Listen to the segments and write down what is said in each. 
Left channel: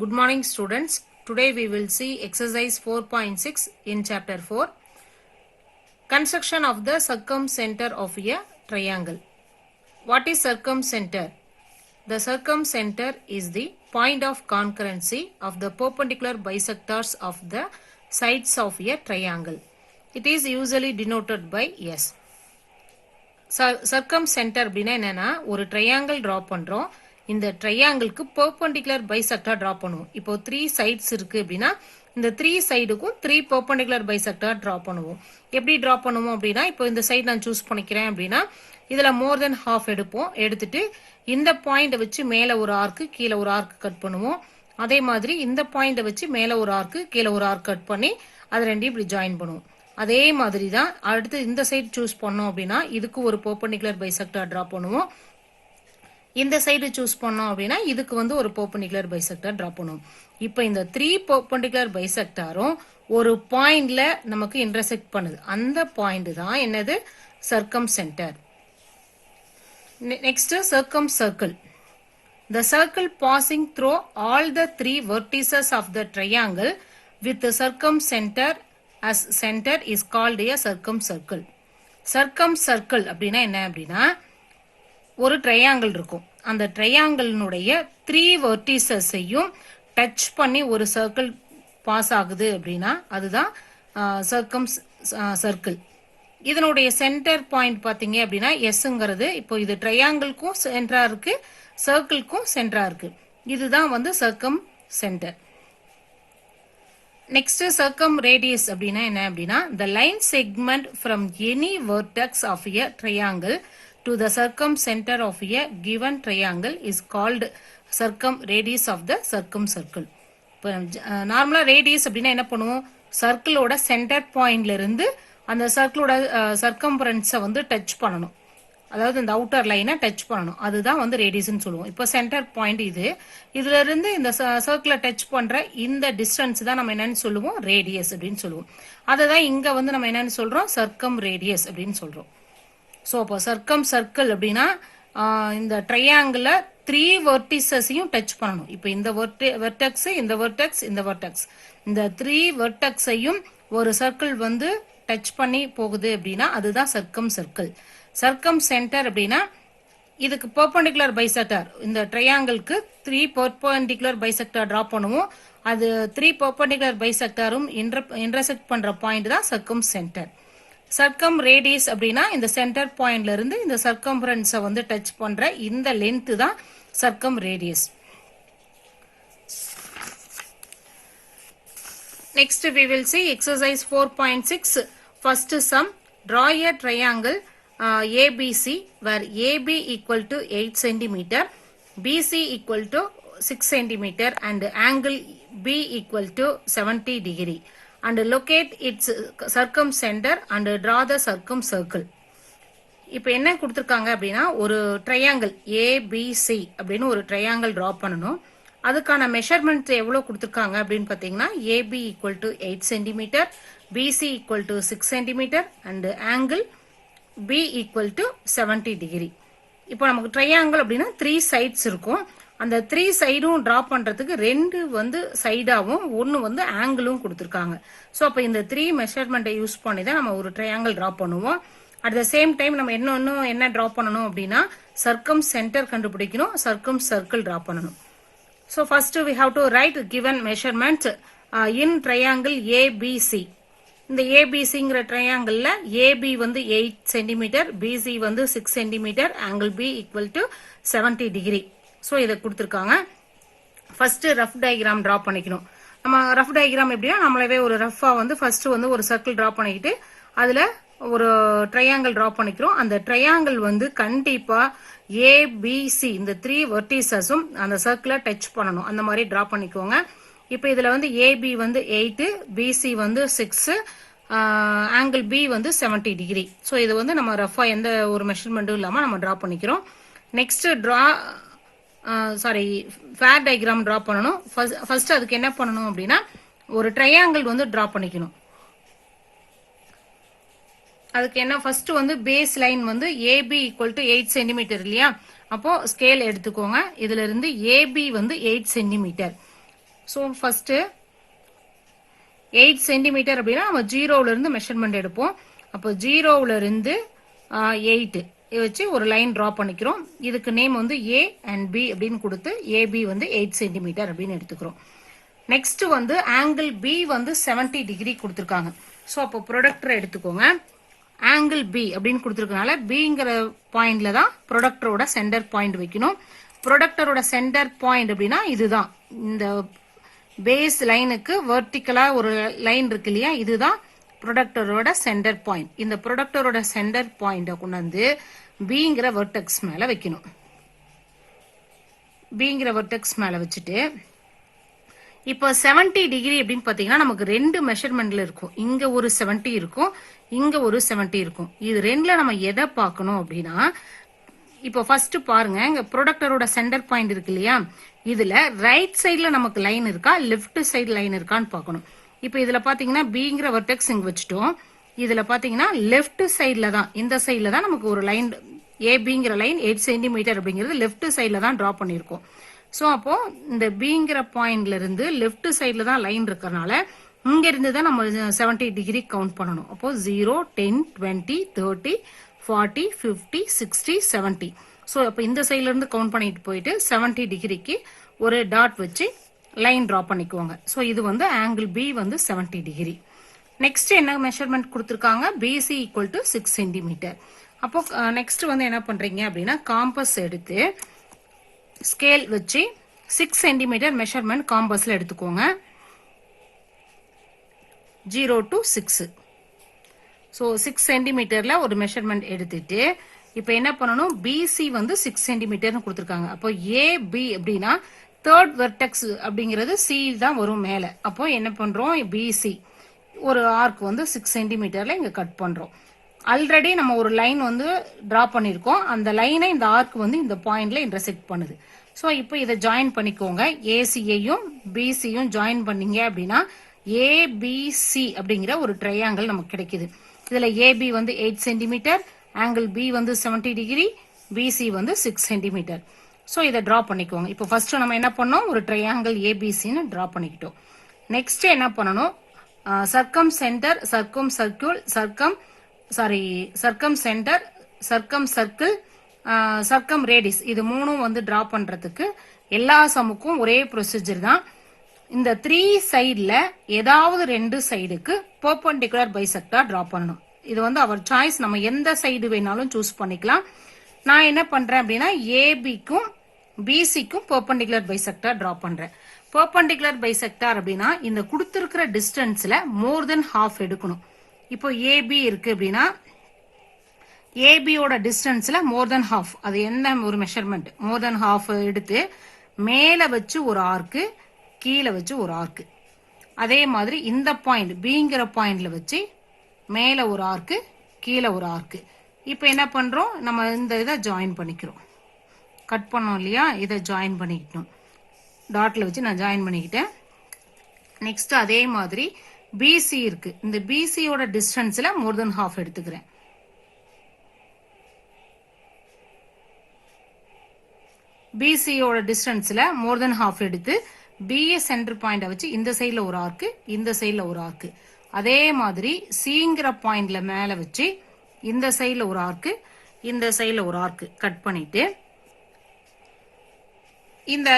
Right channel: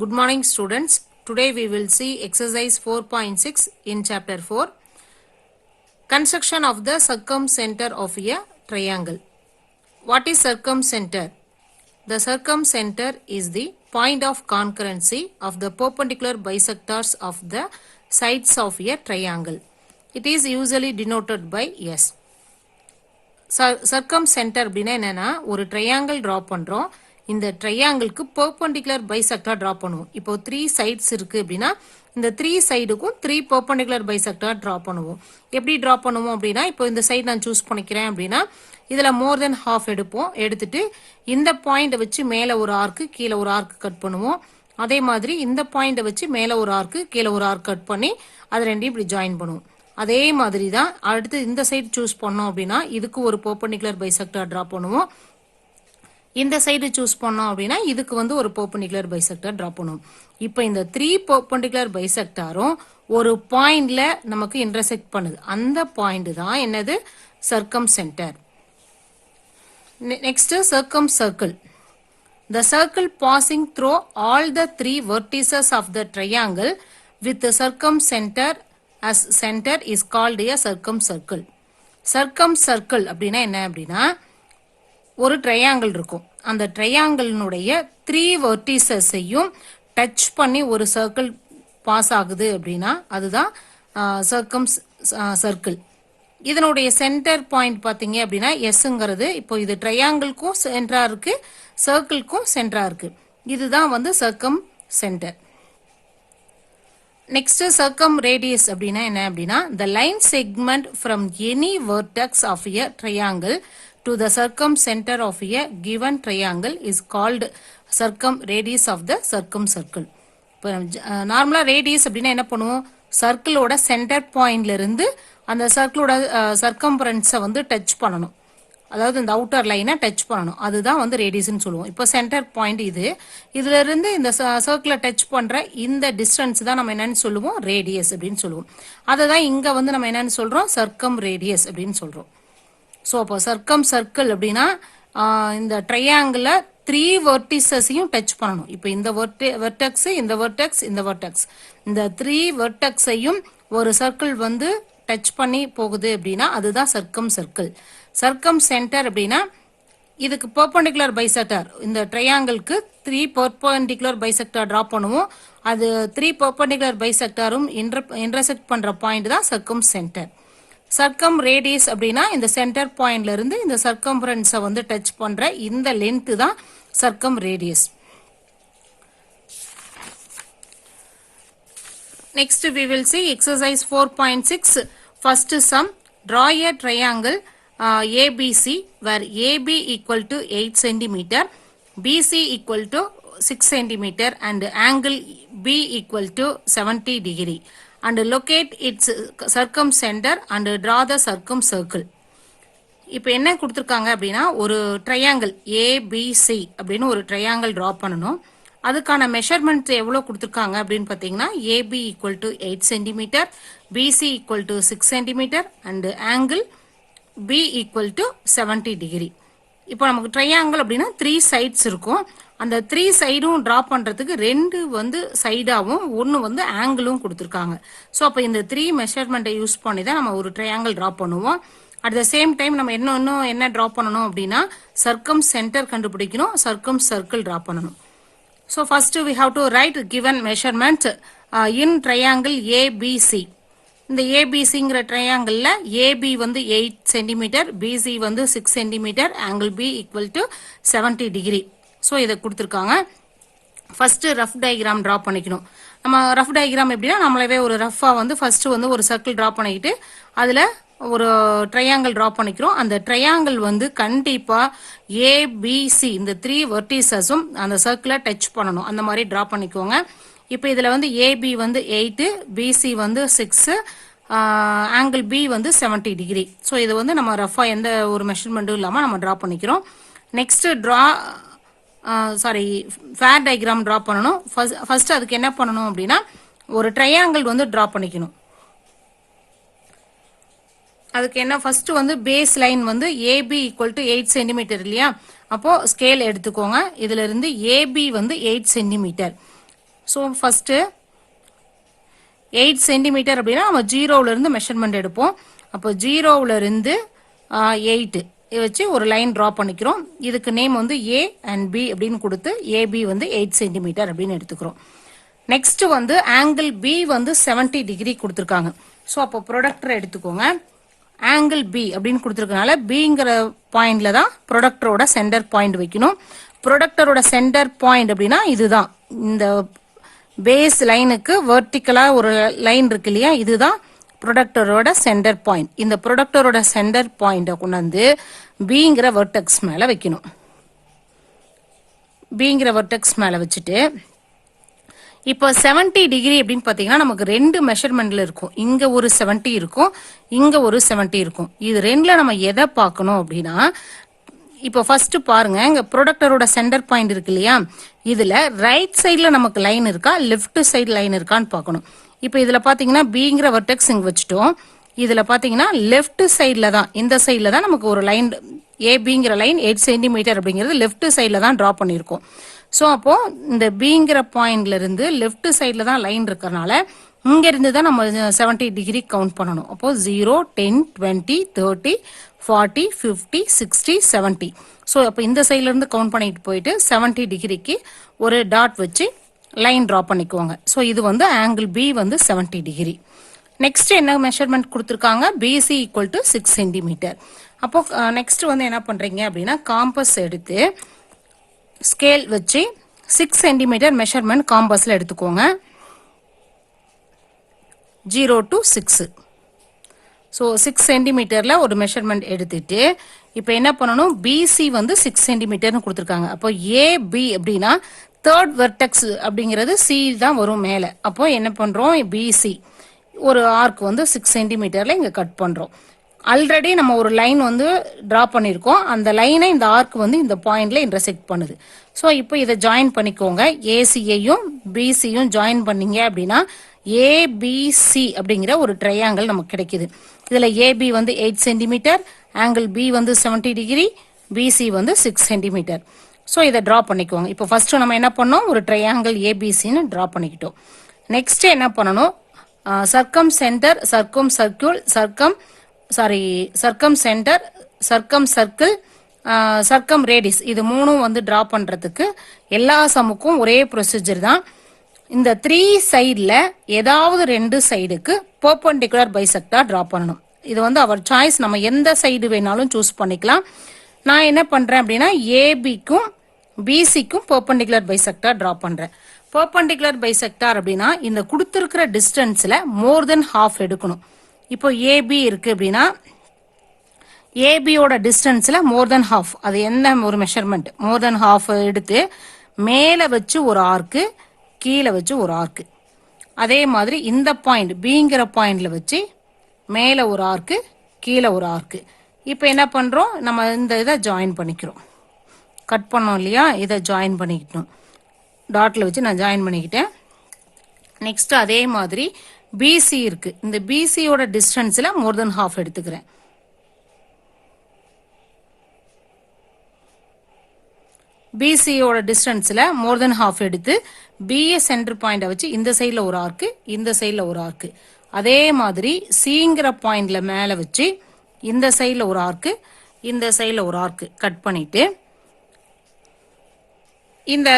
Good morning students. Today we will see exercise 4.6 in chapter 4. Construction of the circumcenter of a triangle. What is circumcenter? The circumcenter is the point of concurrency of the perpendicular bisectors of the sides of a triangle. It is usually denoted by S. Circumcenter அப்படினா என்னன்னா ஒரு triangle draw பண்றோம். இந்த ட்ரையாங்கிளுக்கு perpendicular bisector draw பண்ணுவோம். இப்போ 3 sides இருக்கு அப்படின்னா இந்த 3 சைடுக்கும் 3 பெர்பெண்டிகுலர் பைசெக்டார் டிரா பண்ணுவோம். எப்படி டிரா பண்ணுவோம் அப்படின்னா இப்போ இந்த சைடு நான் சூஸ் பண்ணிக்கிறேன் அப்படின்னா இதுல மோர் தென் ஹாஃப் எடுப்போம். எடுத்துட்டு இந்த பாயிண்ட் வச்சு மேல ஒரு ஆர்க்கு கீழே ஒரு ஆர்க்கு கட் பண்ணுவோம். அதே மாதிரி இந்த பாயிண்ட் வச்சு மேல ஒரு ஆர்க்கு கீழே ஒரு ஆர்க் கட் பண்ணி அது ரெண்டையும் இப்படி ஜாயின் பண்ணுவோம். அதே மாதிரி தான் அடுத்து இந்த சைடு சூஸ் பண்ணோம் அப்படின்னா இதுக்கு ஒரு பெர்பெண்டிகுலர் பைசெக்டார் டிரா பண்ணுவோம். இந்த சைடு சூஸ் பண்ணோம் அப்படின்னா இதுக்கு வந்து ஒரு பெர்பெண்டிகுலர் பைசெக்டார் டிரா பண்ணுவோம். இப்போ இந்த 3 பெர்பெண்டிகுலர் பைசெக்டாரும் ஒரு பாயிண்ட்ல நமக்கு இன்டர்செக்ட் பண்ணுது. அந்த பாயிண்ட் தான் என்னது சர்க்கம்சென்டர். Next சர்க்கம்சர்க்கிள். The circle passing through all the 3 vertices of the triangle with the circumcenter as center is called a circumcircle. Circumcircle அப்படின்னா என்ன அப்படின்னா ஒரு ட்ரையாங்கிள் இருக்கும். அந்த ட்ரையாங்கிளினுடைய 3 வெர்டிசஸையும் டச் பண்ணி ஒரு சர்க்கிள் பாஸ் ஆகுது அப்படின்னா அதுதான் சர்க்கிள். இதனுடைய சென்டர் பாயிண்ட் பார்த்தீங்க அப்படின்னா எஸ்ங்கிறது இப்போ இது ட்ரையாங்கிள்க்கும் சென்டரா இருக்கு, சர்க்கிள்க்கும் சென்டரா இருக்கு. இதுதான் வந்து சர்க்கம் சென்டர். நெக்ஸ்ட் சர்க்கம் ரேடியஸ் அப்படின்னா என்ன அப்படின்னா the line segment from any vertex of a triangle to the circumcenter of a given triangle is called circumradius of the circumcircle. இப்போ நார்மலா ரேடியஸ் அப்படின்னா என்ன பண்ணுவோம், சர்க்கிளோட சென்டர் பாயிண்ட்ல இருந்து அந்த சர்க்கிளோட சர்க்கம்பரன்ஸை வந்து டச் பண்ணணும், அதாவது இந்த அவுட்டர் லைனை டச் பண்ணணும், அதுதான் வந்து ரேடியஸ்ன்னு சொல்லுவோம். இப்போ சென்டர் பாயிண்ட் இதுல இருந்து இந்த சர்க்கிளை டச் பண்ற இந்த டிஸ்டன்ஸ் தான் நம்ம என்னன்னு சொல்லுவோம், ரேடியஸ் அப்படின்னு சொல்லுவோம். அதை தான் இங்க வந்து நம்ம என்னன்னு சொல்றோம், சர்க்கம் ரேடியஸ் அப்படின்னு சொல்றோம். ஸோ அப்போ சர்க்கம் சர்க்கிள் அப்படின்னா இந்த ட்ரையாங்கிள் 3 வெர்டிசஸையும் டச் பண்ணணும். இப்போ இந்த வெர்டெக்ஸ், இந்த வெர்டெக்ஸ், இந்த வெர்டெக்ஸ், இந்த 3 வெர்டெக்ஸையும் ஒரு சர்க்கிள் வந்து டச் பண்ணி போகுது அப்படின்னா அதுதான் சர்க்கம் சர்க்கிள். சர்க்கம் சென்டர் அப்படின்னா இதுக்கு பெர்பெண்டிகுலர் பைசெக்டார், இந்த ட்ரையாங்கிளுக்கு 3 பெர்பெண்டிகுலர் பைசெக்டார் டிரா பண்ணுவோம். அது 3 பெர்பெண்டிகுலர் பைசெக்டாரும் இன்டர்செக்ட் பண்ற பாயிண்ட் தான் சர்க்கம் சென்டர். சர்க்கம் ரேடியஸ் அப்படின்னா இந்த சென்டர் பாயிண்ட்ல இருந்து இந்த சர்க்கம்பரன்ஸை வந்து டச் பண்ற இந்த லென்த் தான் சர்க்கம் radius. Next we will see exercise 4.6. First sum, draw a triangle ABC where AB equal to 8 cm, BC equal to 6 cm and angle B equal to 70 degree and locate its circumcenter and draw the circumcircle. இப்போ என்ன கொடுத்துருக்காங்க அப்படின்னா ஒரு triangle ABC அப்படின்னு ஒரு triangle draw பண்ணணும். அதுக்கான measurement எவ்வளோ கொடுத்துருக்காங்க அப்படின்னு பார்த்தீங்கன்னா AB equal to 8 centimetre, BC equal to 6 centimetre and angle B equal to 70 degree. இப்போ நமக்கு ட்ரையாங்கிள் அப்படின்னா 3 சைட்ஸ் இருக்கும். அந்த 3 சைடும் டிரா பண்ணுறதுக்கு 2 வந்து சைடாகவும் 1 வந்து ஆங்கிளும் கொடுத்துருக்காங்க. ஸோ அப்போ இந்த 3 மெஷர்மெண்ட்டை யூஸ் பண்ணி தான் நம்ம ஒரு ட்ரையாங்கிள் டிரா பண்ணுவோம். அட் த சேம் டைம் நம்ம இன்னும் என்ன டிரா பண்ணணும் அப்படின்னா சர்க்கம் சென்டர் கண்டுபிடிக்கணும், சர்க்கம் சர்க்கிள் டிரா பண்ணணும். So first we have to write given measurement in triangle ABC. இந்த ABCங்கிற ட்ரையாங்கிளில் AB வந்து 8 சென்டிமீட்டர், BC வந்து 6 centimetre, angle B equal to 70 degree. So இதை கொடுத்துருக்காங்க. ஃபர்ஸ்ட் ரஃப் டயக்ராம் ட்ரா பண்ணிக்கணும். நம்ம ரஃப் டயக்ராம் எப்படின்னா நம்மளவே ஒரு ரஃபாக வந்து ஃபர்ஸ்ட் வந்து ஒரு சர்க்கிள் ட்ரா பண்ணிக்கிட்டு அதில் ஒரு ட்ரையாங்கிள் ட்ரா பண்ணிக்கிறோம். அந்த ட்ரையாங்கிள் வந்து கண்டிப்பா ABC இந்த 3 வெர்டிசஸும் அந்த சர்க்கிளை டச் பண்ணணும். அந்த மாதிரி ட்ரா பண்ணிக்கோங்க. இப்போ இதுல வந்து AB வந்து 8, BC வந்து 6, ஆங்கிள் B வந்து 70 டிகிரி. ஸோ இது வந்து நம்ம ரஃபா எந்த ஒரு மெஷர்மெண்ட்டும் இல்லாமல் நம்ம ட்ரா பண்ணிக்கிறோம். நெக்ஸ்ட் ஃபேர் டயக்ராம் ட்ரா பண்ணணும். ஃபர்ஸ்ட் அதுக்கு என்ன பண்ணணும் அப்படின்னா ஒரு ட்ரையாங்கிள் வந்து ட்ரா பண்ணிக்கணும். அதுக்கு என்ன ஃபர்ஸ்ட் வந்து பேஸ் லைன் வந்து AB ஈக்குவல் டு 8 சென்டிமீட்டர் இல்லையா, அப்போ ஸ்கேல் எடுத்துக்கோங்க. இதுல இருந்து AB வந்து 8 சென்டிமீட்டர், ஸோ ஃபஸ்ட்டு 8 சென்டிமீட்டர் அப்படின்னா நம்ம ஜீரோவிலேருந்து மெஷர்மெண்ட் எடுப்போம். அப்போ ஜீரோவிலேருந்து 8 வச்சு ஒரு லைன் ட்ரா பண்ணிக்கிறோம். இதுக்கு நேம் வந்து ஏ அண்ட் பி அப்படின்னு கொடுத்து ஏபி வந்து 8 சென்டிமீட்டர் அப்படின்னு எடுத்துக்கிறோம். நெக்ஸ்ட் வந்து ஆங்கிள் பி வந்து 70 டிகிரி கொடுத்துருக்காங்க. ஸோ அப்போ ப்ரொடக்டரை எடுத்துக்கோங்க. ஆங்கிள் பி அப்படின்னு கொடுத்துருக்கனால பிங்கிற பாயிண்ட்ல தான் ப்ரொடக்டரோட சென்டர் பாயிண்ட் வைக்கணும். ப்ரொடக்டரோட சென்டர் பாயிண்ட் அப்படின்னா இதுதான், இந்த பேஸ் லைனுக்கு வெர்டிக்கலா ஒரு லைன் இருக்கு இல்லையா, இதுதான் ப்ரொடக்டரோட சென்டர் பாயிண்ட். இந்த ப்ரொடக்டரோட சென்டர் பாயிண்டை கொண்டு வந்து பிங்கிற வெர்டெக்ஸ் மேலே வைக்கணும். பிங்கிற வெர்டெக்ஸ் மேலே வச்சுட்டு இப்போ 70 டிகிரி அப்படின்னு பார்த்தீங்கன்னா நமக்கு ரெண்டு மெஷர்மெண்ட்ல இருக்கும். இங்க ஒரு 70 இருக்கும், இங்க ஒரு 70 இருக்கும். இது ரெண்டுல நம்ம எதை பார்க்கணும் அப்படின்னா, இப்போ ஃபர்ஸ்ட் பாருங்க, இங்க ப்ரொடக்டரோட சென்டர் பாயிண்ட் இருக்கு இல்லையா, இதுல ரைட் சைட்ல நமக்கு லைன் இருக்கா, லெஃப்ட் சைடு லைன் இருக்கான்னு பார்க்கணும். இப்போ இதுல பாத்தீங்கன்னா பிங்கிற வெர்டெக்ஸ் இங்க வச்சுட்டோம். இதுல பாத்தீங்கன்னா லெஃப்ட் சைட்ல தான், இந்த சைட்ல தான் நமக்கு ஒரு லைன் ஏபிங்கிற லைன் 8 சென்டிமீட்டர் அப்படிங்கிறது லெஃப்ட் சைட்ல தான் டிரா பண்ணியிருக்கோம். ஸோ அப்போ இந்த பிங்கிற பாயிண்ட்ல இருந்து லெஃப்ட் சைட்ல தான் லைன் இருக்கிறனால இங்க இருந்து தான் நம்ம 70 டிகிரி கவுண்ட் பண்ணணும். அப்போ 0, 10, 20, 30, 40, 50, 60, 70. ஸோ அப்போ இந்த சைட்ல இருந்து கவுண்ட் பண்ணிட்டு போயிட்டு 70 டிகிரிக்கு ஒரு டாட் வச்சு லைன் ட்ரா பண்ணிக்குவாங்க. ஸோ இது வந்து ஆங்கிள் பி வந்து 70 டிகிரி. நெக்ஸ்ட் என்ன மெஷர்மெண்ட் கொடுத்துருக்காங்க, பிசி ஈக்குவல் டு 6 சென்டிமீட்டர். அப்போ நெக்ஸ்ட் வந்து என்ன பண்றீங்க அப்படின்னா, காம்பஸ் எடுத்து ஸ்கேல் வச்சு 6 சென்டிமீட்டர் மெஷர்மெண்ட் காம்பஸ்ல எடுத்துக்கோங்க. 0 to 6. ஸோ 6 சென்டிமீட்டர்ல ஒரு மெஷர்மெண்ட் எடுத்துட்டு இப்போ என்ன பண்ணணும், பிசி வந்து 6 சென்டிமீட்டர்னு கொடுத்துருக்காங்க. அப்போ ஏபி அப்படின்னா தேர்ட் வெர்டெக்ஸ் அப்படிங்கிறது சி தான் வரும் மேலே. அப்போ என்ன பண்றோம், பிசி ஒரு ஆர்க் வந்து 6 சென்டிமீட்டர்ல இங்க கட் பண்றோம். ஆல்ரெடி நம்ம ஒரு லைன் வந்து டிரா பண்ணியிருக்கோம், அந்த லைனை இந்த ஆர்க் வந்து இந்த பாயிண்ட்ல இன்டர்செக்ட் பண்ணுது. ஸோ இப்போ இதை ஜாயின் பண்ணிக்கோங்க. ஏசியையும் பிசியும் ஜாயின் பண்ணீங்க அப்படின்னா ஏபிசி அப்படிங்கிற ஒரு ட்ரையாங்கிள் நமக்கு கிடைக்குது. இதுல ஏபி வந்து 8 சென்டிமீட்டர், ஆங்கிள் பி வந்து 70 டிகிரி, பிசி வந்து 6 சென்டிமீட்டர். ஸோ இதை டிரா பண்ணிக்கோங்க. இப்போ ஃபர்ஸ்ட் நம்ம என்ன பண்ணோம், ஒரு ட்ரையாங்கிள் ஏபிசின்னு டிரா பண்ணிக்கிட்டோம். நெக்ஸ்ட் என்ன பண்ணணும், சர்க்கம் சென்டர், சர்க்கம் சர்க்கிள், சர்க்கம் சென்டர், சர்க்கம் சர்க்கிள், சர்க்கம் ரேடிஸ், இது மூணும் வந்து டிரா பண்றதுக்கு எல்லா சமுக்கும் ஒரே ப்ரொசீஜர் தான். இந்த 3 சைட்ல ஏதாவது 2 சைடுக்கு பெர்பெண்டிகுலர் பைசெக்டார் டிரா பண்ணணும். இது வந்து அவர் சாய்ஸ், நம்ம எந்த சைடு வேணாலும் சூஸ் பண்ணிக்கலாம். நான் என்ன பண்றேன் அப்படின்னா, ஏபிக்கும் பிசிக்கும் பெர்பெண்டிகுலர் பைசெக்டார் டிரா பண்றேன். பெர்பெண்டிகுலர் பைசெக்டார் அப்படின்னா இந்த கொடுத்திருக்கிற டிஸ்டன்ஸ்ல மோர் தென் ஹாஃப் எடுக்கணும். இப்போ ஏபி இருக்கு அப்படின்னா ஏபியோட டிஸ்டன்ஸ்ல மோர் தென் ஹாஃப், அது என்ன ஒரு மெஷர்மெண்ட், மோர் தென் ஹாஃப் எடுத்து மேல வச்சு ஒரு ஆர்க்கு, கீழே வச்சு ஒரு ஆர்க்கு. அதே மாதிரி இந்த பாயிண்ட் பிங்கிற பாயிண்ட்ல வச்சு மேல ஒரு ஆர்க்கு, கீழே ஒரு ஆர்க்கு. இப்போ என்ன பண்றோம், நம்ம இந்த இதை ஜாயின் பண்ணிக்கிறோம். கட் பண்ணோம் இல்லையா, இதை ஜாயின் பண்ணிக்கிட்டோம். டாட்ல வச்சு நான் ஜாயின் பண்ணிக்கிட்டேன். நெக்ஸ்ட் அதே மாதிரி பிசி இருக்கு, இந்த பிசியோட டிஸ்டன்ஸ்ல மோர் தென் ஹாஃப் எடுத்துக்கிறேன். பிசியோட டிஸ்டன்ஸ்ல மோர் தென் ஹாஃப் எடுத்து பிஏ சென்டர் பாயிண்ட வச்சு இந்த சைட்ல ஒரு ஆர்க்கு, இந்த சைட்ல ஒரு ஆர்க்கு. அதே மாதிரி சிங்கிற பாயிண்ட்ல மேல வச்சு இந்த சைட்ல ஒரு ஆர்க்கு, இந்த சைட்ல ஒரு ஆர்க்கு கட் பண்ணிட்டு இந்த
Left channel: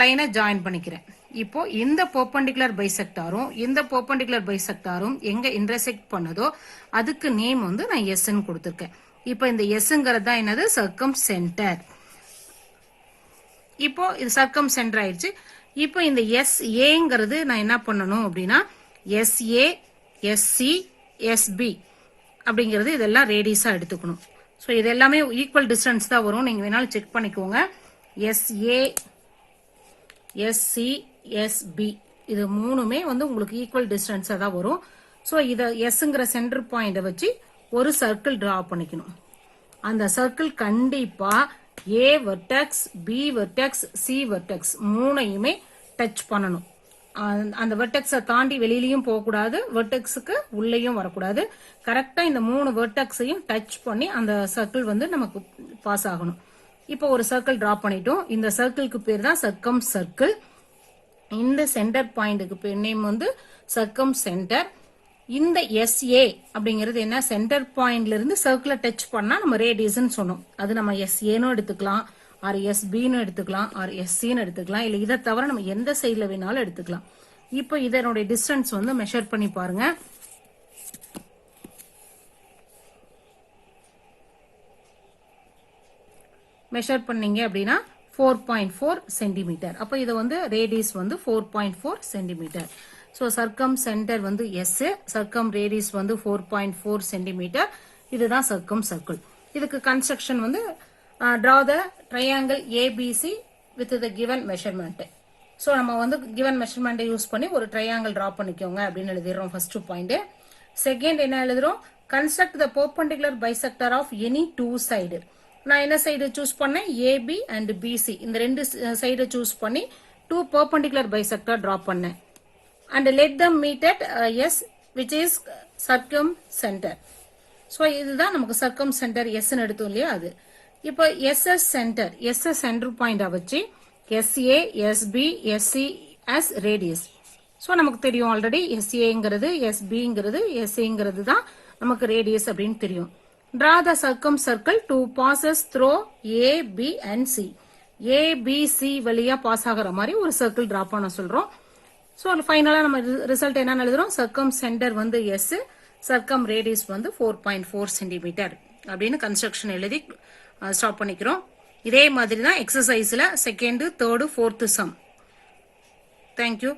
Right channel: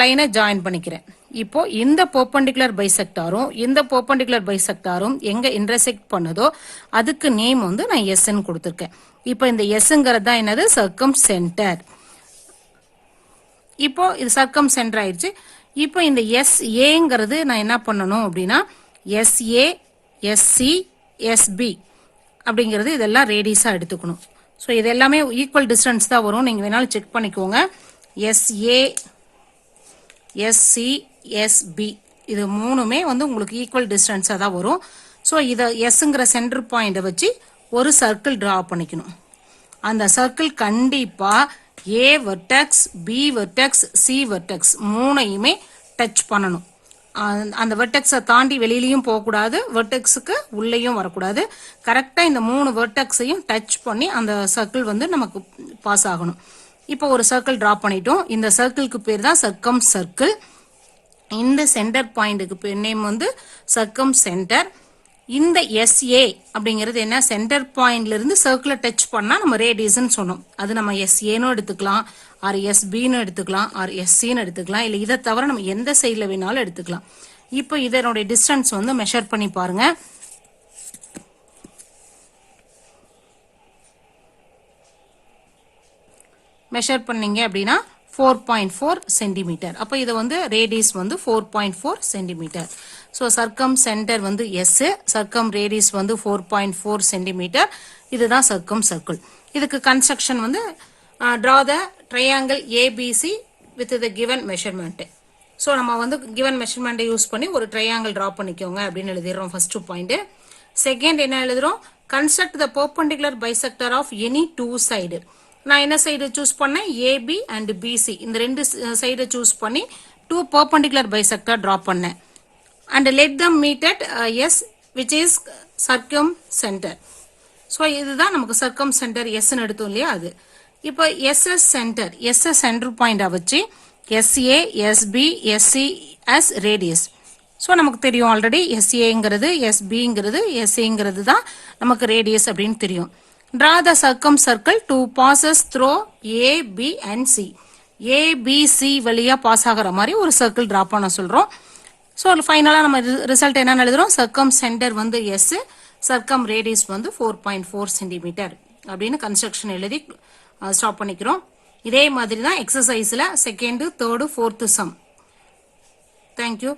லைனை ஜாயின் பண்ணிக்கிறேன். இப்போ இந்த பெர்பெண்டிகுலர் பைசெக்டாரும் இந்த பெர்பெண்டிகுலர் பைசெக்டாரும் எங்க இன்டர்செக்ட் பண்ணுதோ அதுக்கு நேம் வந்து நான் எஸ்ன்னு கொடுத்துருக்கேன். இப்போ இந்த எஸ்ங்கிறது தான் என்னது, சர்க்கம் சென்டர். இப்போ இது சர்க்கம் சென்டர் ஆயிடுச்சு. இப்போ இந்த எஸ் ஏங்கிறது நான் என்ன பண்ணணும் அப்படின்னா, எஸ்ஏ, எஸ்சி, எஸ்பி அப்படிங்கிறது இதெல்லாம் ரேடியஸா எடுத்துக்கணும். ஸோ இது எல்லாமே ஈக்குவல் டிஸ்டன்ஸ் தான் வரும், நீங்க வேணாலும் செக் பண்ணிக்கோங்க. எஸ்ஏ, எஸ்சி, எஸ்பி இது மூணுமே வந்து உங்களுக்கு ஈக்குவல் டிஸ்டன்ஸா தான் வரும். ஸோ இதை எஸ்ங்கிற சென்டர் பாயிண்டை வச்சு ஒரு சர்க்கிள் டிரா பண்ணிக்கணும். அந்த சர்க்கிள் கண்டிப்பா A vertex, B vertex, C vertex மூணையுமே டச் பண்ணணும். அந்த வெர்டெக்ஸை தாண்டி வெளியிலையும் போகக்கூடாது, வெர்டெக்ஸுக்கு உள்ளேயும் வரக்கூடாது. கரெக்டா இந்த 3 வெர்டெக்ஸையும் டச் பண்ணி அந்த சர்க்கிள் வந்து நமக்கு பாஸ் ஆகணும். இப்போ ஒரு சர்க்கிள் டிரா பண்ணிட்டோம். இந்த சர்க்கிளுக்கு பேர் தான் சர்க்கம் சர்க்கிள். இந்த சென்டர் பாயிண்ட்டுக்கு நேம் வந்து சர்க்கம் சென்டர். இந்த SA அப்படிங்கிறது என்ன, சென்டர் பாயிண்ட்ல இருந்து சர்க்கிளை டச் பண்ணா நம்ம ரேடியஸ்ன்னு சொன்னோம். அது நம்ம SAன்னு எடுத்துக்கலாம், ஆர் SBன்னு எடுத்துக்கலாம், ஆர் SCன்னு எடுத்துக்கலாம், இல்லை இதை தவிர நம்ம எந்த சைடில் வேணாலும் எடுத்துக்கலாம். இப்போ இதனுடைய டிஸ்டன்ஸ் வந்து மெஷர் பண்ணி பாருங்க. மெஷர் பண்ணீங்க அப்படின்னா 4.4 சென்டிமீட்டர். அப்போ இது வந்து ரேடியஸ் வந்து 4.4 சென்டிமீட்டர். ஸோ சர்க்கம் சென்டர் வந்து எஸ், சர்க்கம் ரேடியஸ் வந்து 4.4 சென்டிமீட்டர். இதுதான் சர்க்கம் சர்க்கிள். இதுக்கு கன்ஸ்ட்ரக்ஷன் வந்து draw the triangle ABC with the given measurement. So நம்ம வந்து கிவன் மெஷர்மெண்ட்டை யூஸ் பண்ணி ஒரு ட்ரையாங்கிள் ட்ரா பண்ணிக்கோங்க அப்படின்னு எழுதிடுறோம் ஃபர்ஸ்ட் பாயிண்ட். செகண்ட் என்ன எழுதுறோம், construct the perpendicular bisector of any two side. நான் என்ன சைடு சூஸ் பண்ணேன், ஏபி அண்ட் பிசி, இந்த ரெண்டு சைடை சூஸ் பண்ணி டூ பெர்பெண்டிகுலர் பைசெக்டர் ட்ரா பண்ணேன். And let them meet at S which is circumcentre. So இதுதான் நமக்கு சர்க்கம் சென்டர் எஸ்ன்னு எடுத்தோம் இல்லையா அது. இப்போ எஸ்எஸ் சென்டர், எஸ்எஸ் சென்டர் பாயிண்டை வச்சு SA SB SC as radius. So நமக்கு தெரியும் ஆல்ரெடி எஸ்ஏங்கிறது எஸ்பிங்கிறது எஸ்ஏங்கிறது தான் நமக்கு ரேடியஸ் அப்படின்னு தெரியும். Draw the circumcircle to passes through A B and C. ABC வழியாக பாஸ் ஆகிற மாதிரி ஒரு சர்க்கிள் ட்ரா பண்ண சொல்கிறோம். ஸோ ஃபைனலாக நம்ம ரிசல்ட் என்னன்னு எழுதுறோம், சர்க்கம் சென்டர் வந்து எஸ், சர்க்கம் ரேடியஸ் வந்து 4.4 சென்டிமீட்டர் அப்படின்னு கன்ஸ்ட்ரக்ஷன் எழுதி ஸ்டாப் பண்ணிக்கிறோம். இதே மாதிரி தான் எக்ஸசைஸில் second, third, fourth sum. Thank you.